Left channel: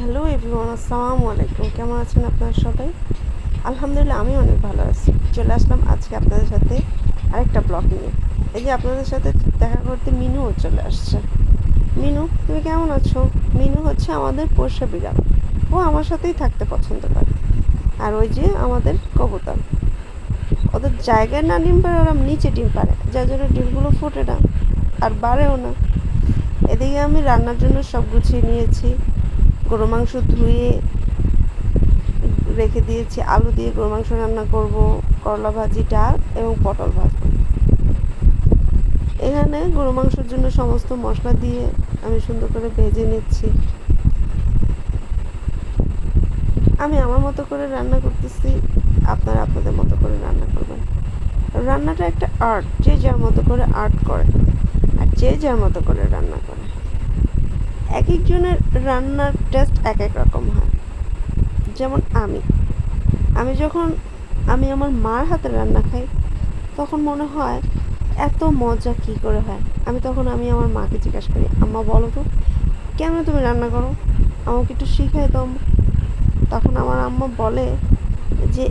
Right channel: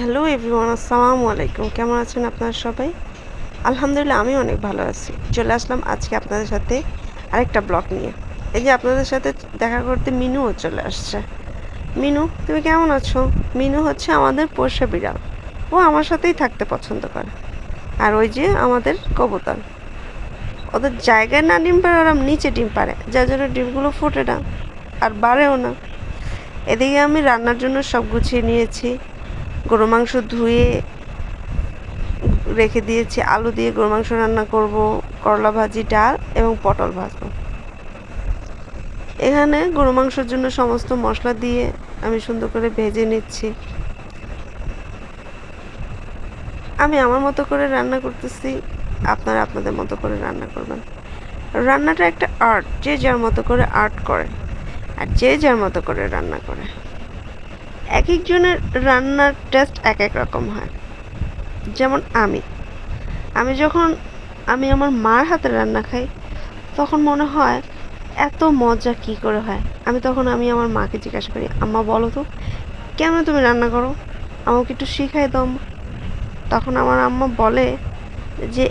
Hello everyone, আসসালামু আলাইকুম। কেমন আছেন আপনারা সবাই? আলহামদুলিল্লাহ, আমি অনেক ভালো আছি। চলে আসলাম আজকে আপনাদের সাথে আরেকটা ব্লগ নিয়ে। এই যে আপনাদের সাথে দেখা করতে মিনুও চলে আসছে। মিনু, তুমি কেমন আছো? মিনু হচ্ছে আমাদের পোষা বিড়াল। ও আমার সাথেই থাকতে পছন্দ করে। আর ওই যে আমাদের কবুতর, ওদের জায়গায় না ডিম পারে, ওরা নিচে ডিম পারে, যার জন্য ডিমগুলো ফোটে না আর বাড়েও না। এদিকে আমি রান্নার জন্য সব গুছিয়ে নিয়েছি। গরু মাংস ধুয়ে রেখে দিয়েছি, আলু দিয়ে গরু মাংস রান্না করব, করলা ভাজি, ডাল এবং পটল ভাজবো। এখানে গরু মাংসের জন্য সমস্ত মশলা দিয়ে আমি সুন্দর করে ভেজে নিচ্ছি। আমি আমার মতো করে রান্না করতেছি, আপনারা আপনাদের মতো করে রান্না করবেন। রান্নাটা একটা আর্ট, যে যার মতো করে আর্ট করে আর যে যার মতো করে রান্না করে। এক একজনের রান্নার টেস্ট এক এক রকম হয়। যেমন আমি যখন আমার মার হাতে রান্না খাই, তখন মনে হয় এত মজা কি করে হয়। আমি আমার মাকে জিজ্ঞাসা করি, আম্মা বলো তো কেন তুমি রান্না করো, আমাকে একটু শিখাই দাও আম্মা। তখন আমার আম্মা বলে যে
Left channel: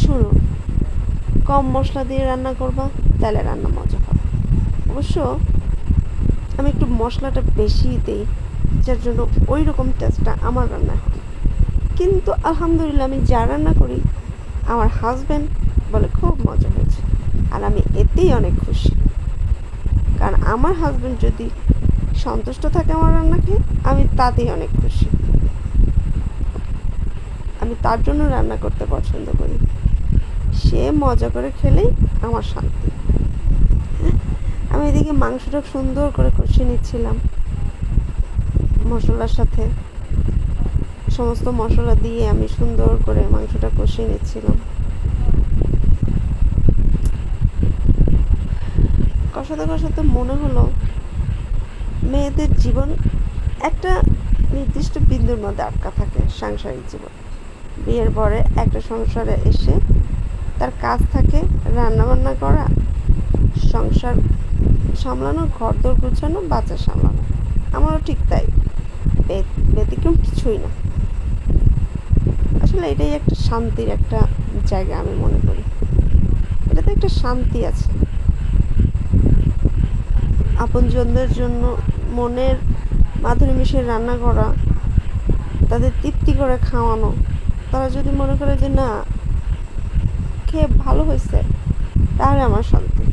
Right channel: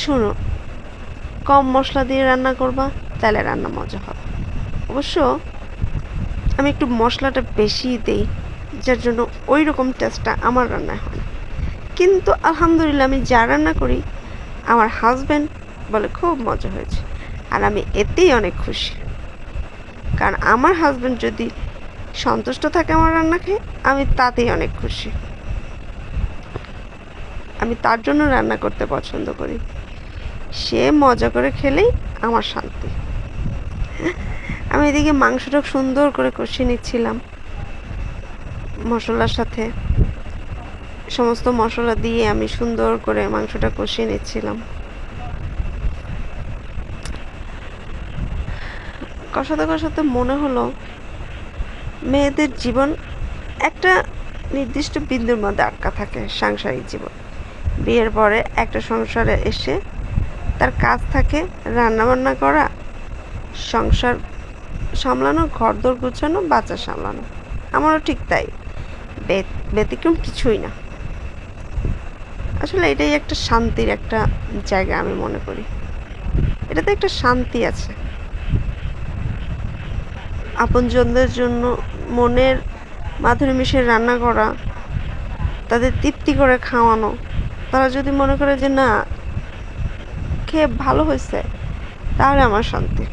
শোনো, কম মশলা দিয়ে রান্না করবা, তাহলে রান্না মজা হবে। অবশ্য আমি একটু মশলাটা বেশি দিই, যার জন্য ওই রকম টেস্টটা আমার রান্নায় হয়। কিন্তু আলহামদুলিল্লাহ, আমি যা রান্না করি আমার হাজব্যান্ড বলে খুব মজা হয়েছে, আর আমি এতেই অনেক খুশি। কারণ আমার হাজব্যান্ড যদি সন্তুষ্ট থাকে আমার রান্না খেয়ে, আমি তাতেই অনেক খুশি। আমি তার জন্য রান্না করতে পছন্দ করি। সে মজা করে খেলেই আমার শান্তি। আমি এদিকে মাংসটা সুন্দর করে কষিয়ে নিচ্ছিলাম মশলার সাথে। সমস্ত মশলা দিয়ে আমি সুন্দর করে মাংসটা কষিয়ে নিচ্ছিলাম। কষাতে কষাতে মনে হলো মেয়েদের জীবন একটা নির্দিষ্ট বিন্দুর মধ্যে আটকা থাকে। সাংসারিক জীবন, বিয়ের পরে একটা সংসারে এসে তার কাজ থাকে রান্নাবান্না করা, সংসার সামলানো, ঘরদোর গুছানো, বাচ্চা সামলানো। আমারও ঠিক তাই, ব্যতিক্রম কিছুই না। আসলে এটাই একটা শান্তির একটা জায়গা আমি মনে করি। এটাতে একটা শান্তি আছে। আপনজনদের জন্য মনের মাধুরী মিশিয়ে রান্না করা, তাদের তৃপ্তি করে খাওয়ানো। তারা যদি মনে করে যে না, খেয়ে ভালো হয়েছে, তাহলে আমার শান্তি।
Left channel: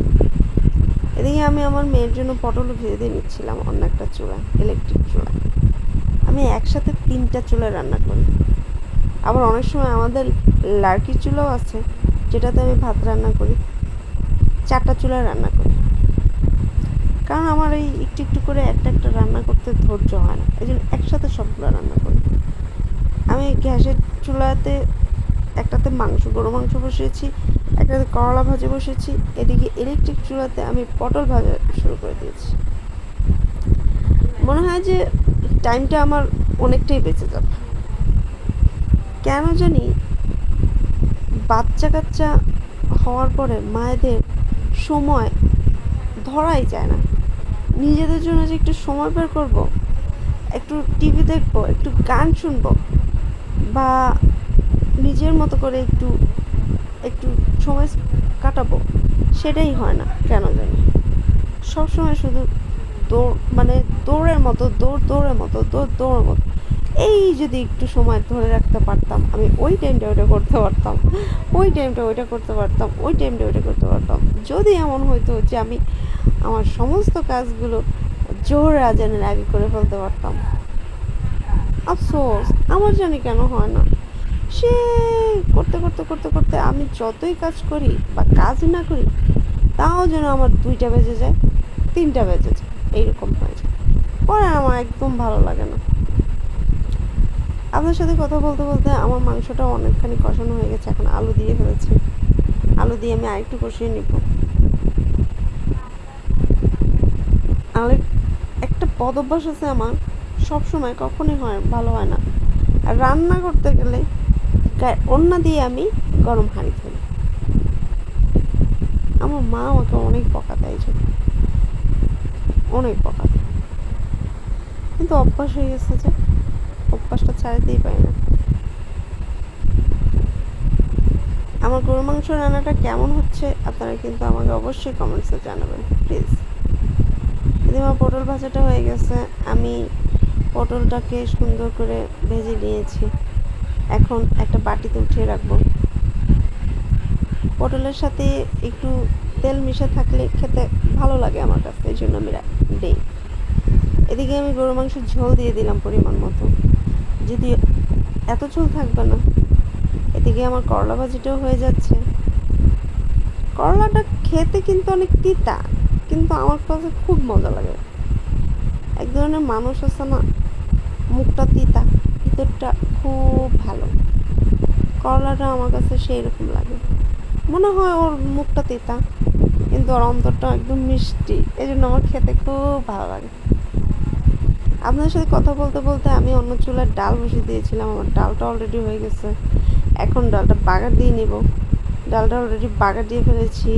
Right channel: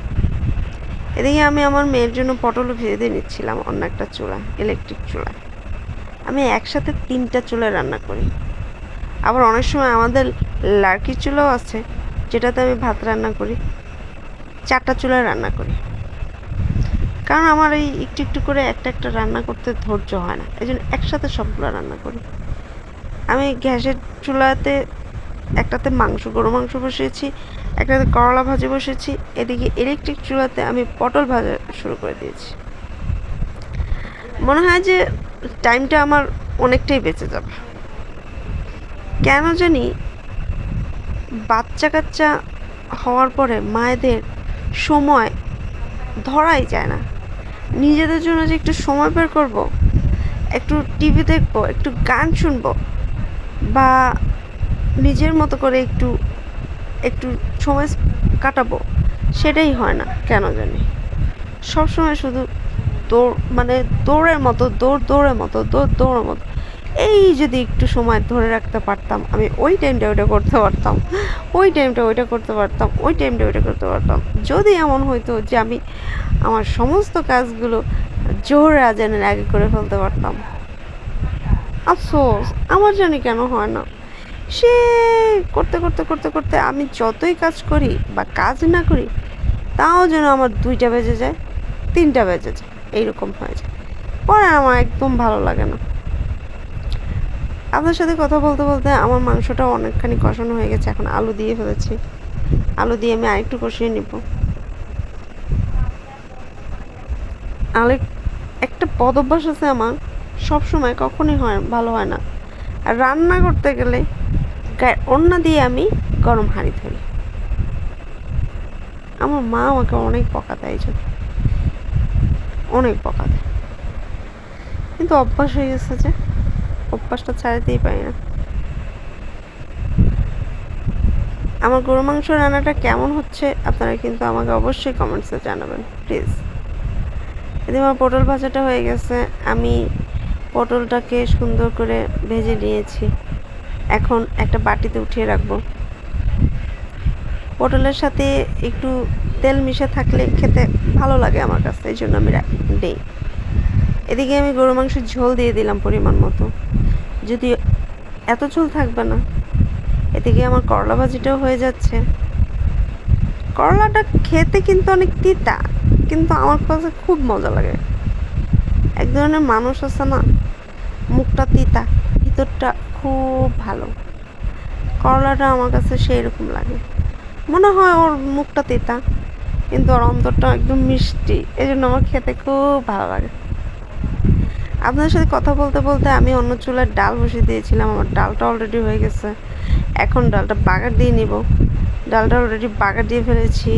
এদিকে আমি আমার মেয়ের জন্য পটলও ভেজে নিচ্ছিলাম অন্য একটা চুলায়, ইলেকট্রিক চুলায়। আমি একসাথে 3টা চুলায় রান্না করি। আবার অনেক সময় আমাদের লার্কির চুলাও আছে, যেটাতে আমি ভাত রান্না করি। 4টা চুলায় রান্না করি, কারণ আমার এই একটু একটু করে একটা একটা রান্না করতে ধৈর্য হয় না, এই জন্য একসাথে সবগুলো রান্না করি। আমি গ্যাসের চুলাতে একটাতে গরু মাংস বসিয়েছি, একটাতে করলা ভাজি বসিয়েছি। এদিকে ইলেকট্রিক চুলাতে আমি পটল ভাজা শুরু করে দিয়েছি। মনে হয় যে টাইমটা আমার অনেকটাই বেঁচে যাবে। কেন জানি বাচ্চা কাচ্চা হওয়ার পরে মায়েদের সময় ধরাই যায় না। নিজেদের জন্য যে একটু সময় বের করব, একটু টিভি দেখবো, একটু গান শুনবো, বা নিজের মতো করে একটু একটু সময় কাটাবো, সেটাই হয় না কেন জানি। সবসময় শুধু দৌড়ের মতো, দৌড়ের মতো। এই যদি একটু সময় ধরে রাখতে পারতাম, আমি ওই টাইমটা ওইটা করতে পারতাম, ওই টাইমটা ওইটা করতে পারতাম, ওই টাইমটা ওইটা করতে পারতাম। যদি এমন হইতো যে আমি আমার সমস্ত কাজগুলো জোহরের আজানের আগে করে ফেলতে পারতাম। আফসোস আমার জানি কেন হয় না। সে করতে করতে করতে করতে আমি যতই কাজ করি বা কাজ না করি, তাও যেন আমার 2টা বেজে যায়, 3টা বেজে যায়, এইরকম হয়ে যায়। পরে আমার একদম ভালো লাগে না। আপনার সাথে কথা বলতে বলতে আমার মাংসটাও অনেকখানি কষানো হয়ে গেছে। এখন আলু দিয়ে ফেলেছি, আলু দিয়ে আমি আরেকটু কষিয়ে নিব। আলু একটা বদ অভ্যাস আছে আমার, সবসময় কখনই ভালো হয় না। আর রান্না করতে গেলে ওড়না দিয়ে আমি গরম হাঁড়ি ফেলি। আমার মা আমাকে অনেক বকা দেয়, অনেক বকা দেয়, কিন্তু অভ্যাস হয়ে গেছে যে অভ্যাসটা ছাড়াতেই পারি না। আমার গরু মাংস রান্নাটা কেমন হচ্ছে আপনারা কিন্তু আমাকে অবশ্যই কমেন্টসে জানাবেন প্লিজ। এদিকে আমার পটল ভাজাটা হয়ে গেছে, আমি পটলটাকে সুন্দর করে ভেজে নিয়েছি। এখন একটা বাটিতে উঠিয়ে রাখবো। পটলের সাথে একটু তেল মিশে থাকলে খেতে ভালো লাগে আমার কাছে, এই জন্য আমি দিই। এদিকে আমি গরু মাংসের ঝোল দিয়ে দিলাম পরিমাণ মতো, যদি এত ঝোল থাকবে না। এদিকে আমার করলা ভাজিটাও হয়ে যাচ্ছে। করলাটা খেতে কিন্তু অনেক তিতা, কিন্তু আমার কাছে খুব মজা লাগে। এক ধরনের মানুষ আছে না, মুখটা তিতা ভিতরটা খুব ভালো, করলাটা আমার কাছে সেই রকম লাগে। মনে হয় ওর মুখটা তিতা কিন্তু ওর অন্তরটা একদম মিষ্টি, এই জন্য আমার খেতে খুব ভালো লাগে। আপনার সাথে কথা বলতে বলতে আমি অন্য চুলার ডাল বসিয়ে দিয়েছিলাম, আমার ডালটা অলরেডি হয়ে গেছে। এখন ডালটা বাগার দিয়ে নিব। ডালটা অলরেডি বাগার দিয়ে ফেলেছি।